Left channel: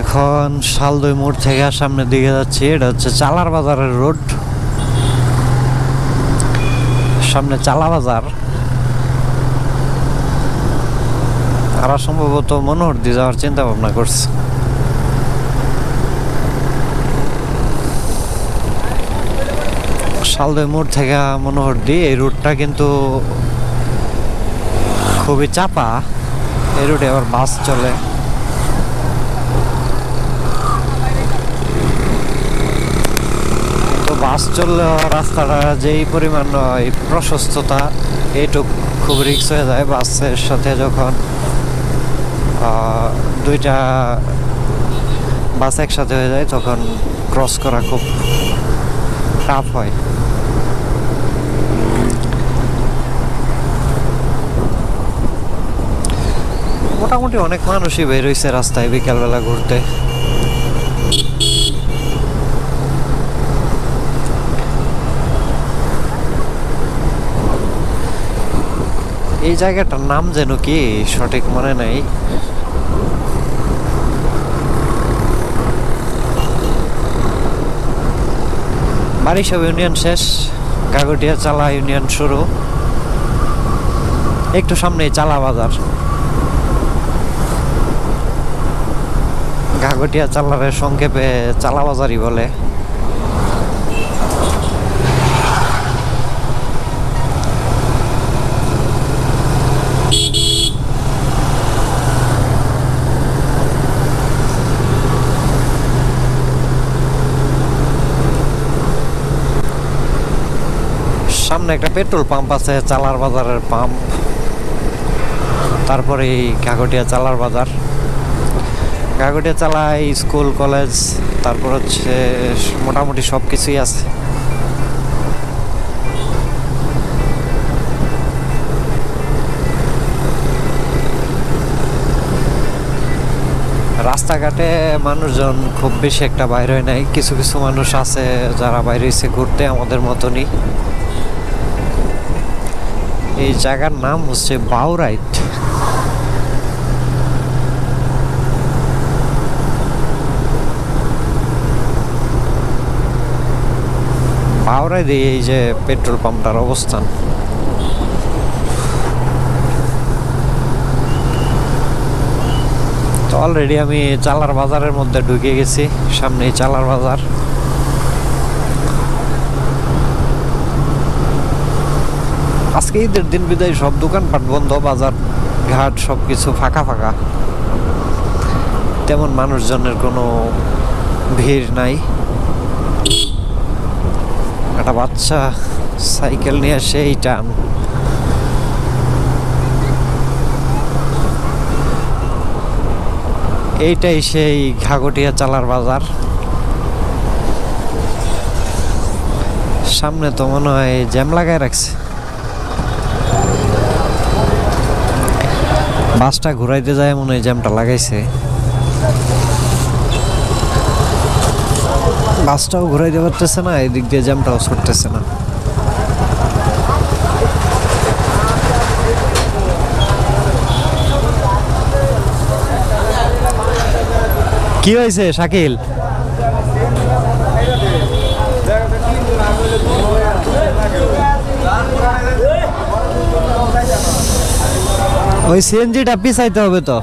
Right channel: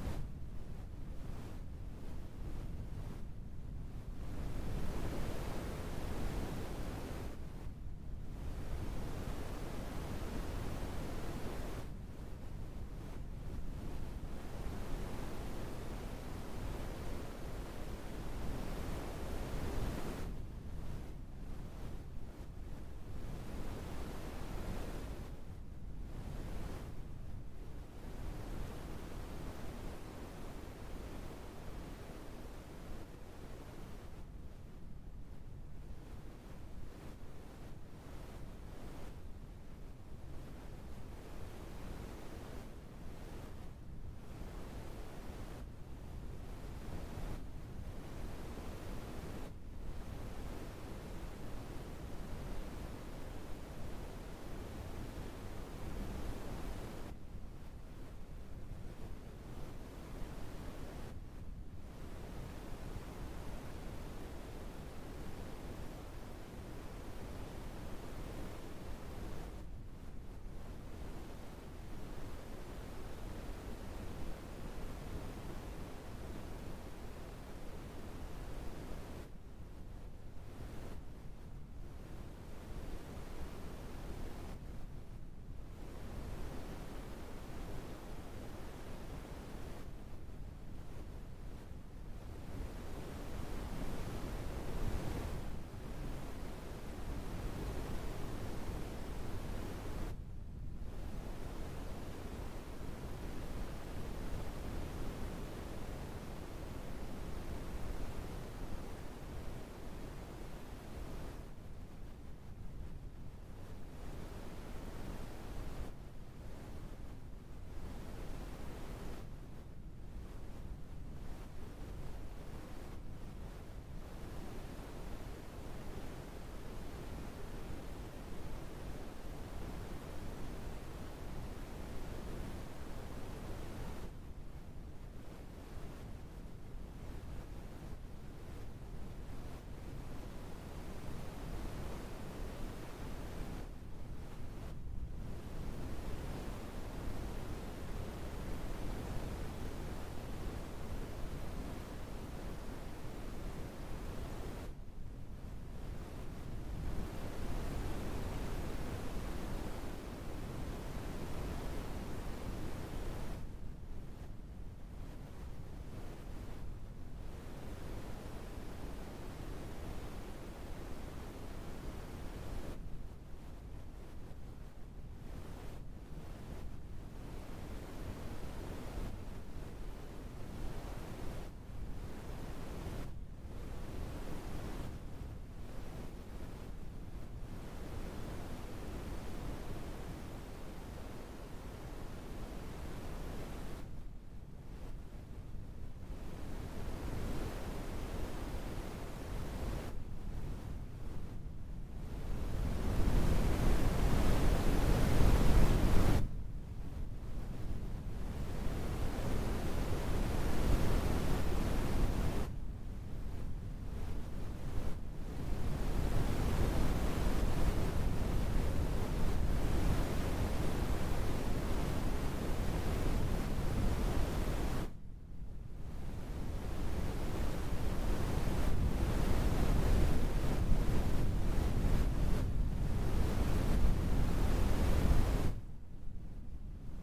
এখন শালদই মোড় থেকে সামনের দিকে যাচ্ছি। এটা হচ্ছে চালার বাজারের রোড, সামনে চালা বাজার। আর সম্ভবত মনোহর দিয়ে যাওয়ার চিন্তা ভাবনা করছে। শালদই মোড় থেকে মনোহর দিয়ে এই রুটটা কিন্তু খুবই চাপা। এই রুটে আবার বাস চলে। তো বাস চললে রাস্তাটা যেই পরিমাণ প্রশস্ততা, এইটুক খুব রিস্ক হয়ে যায়। বাসের সাথে যখন দুইটা বাস একসাথে হয়ে যায় তখন ক্রস করা খুব টাফ হয়। মোটামুটি অনেক মানুষই বের হয়েছে রাস্তায় বিকালবেলা ঘুরতে। এই জায়গাটার নাম যেন কি সঠিক মনে নাই। বারিশাব ইউনিয়ন শেষ, গাগটিয়া চালা ইউনিয়ন শুরু। একটু সামনেই চালা বাজার। গাগটিয়া চালারে সংক্ষেপে চালা বাজারই বলে। সামনে একটা পেট্রোল পাম্প আছে, চালার বাজারের পাম্প। তারপরে এই গাগটিয়া চালার বাজার। গাগটিয়া চালায় স্কুল কলেজ, তারপর হচ্ছে মোটামুটি সব কিছুই আছে। রাস্তাঘাটে মানুষজন খুব বেশি একটা বাইরে হয় নাই। কিছু কিছু মানুষ আছে যারা বাইরে এসে ঘুরতে, আমাদের মতনই। এই জায়গার নাম হচ্ছে বাউরাইট। বাউরাইট এই যে পেট্রোল পাম্পটার অবস্থান। তো অলরেডি আমি চালার বাজারের মধ্যে ঢুকে গেছি। সামনেই চালার বাজার। আজকে ঈদের দিন বিদায়, সব দোকানপাট বন্ধ, বাজার ঘাট সবকিছু ফাঁকা ফাঁকা। তেমন মানুষজনের কোনো ভিড় নাই। একটা বাচ্চা সাইকেল নিয়ে সেই টান। এইটাই সেই ঘাগটিয়া চালার বাজার। সামনে তো মনে হয় জ্যাম লাগায় রাখছে। বাসটা ঘুরাইতে যায় মনে হয় জ্যামটা লাগাইছে। বাসটাও ঘুরাইতে পারতেছে না, এদিক দিয়ে জ্যামটাও ছুটতেছে না। কি হয়েছে শাকিল? ওই সিএনজিটা পিছাইতে হবে তো।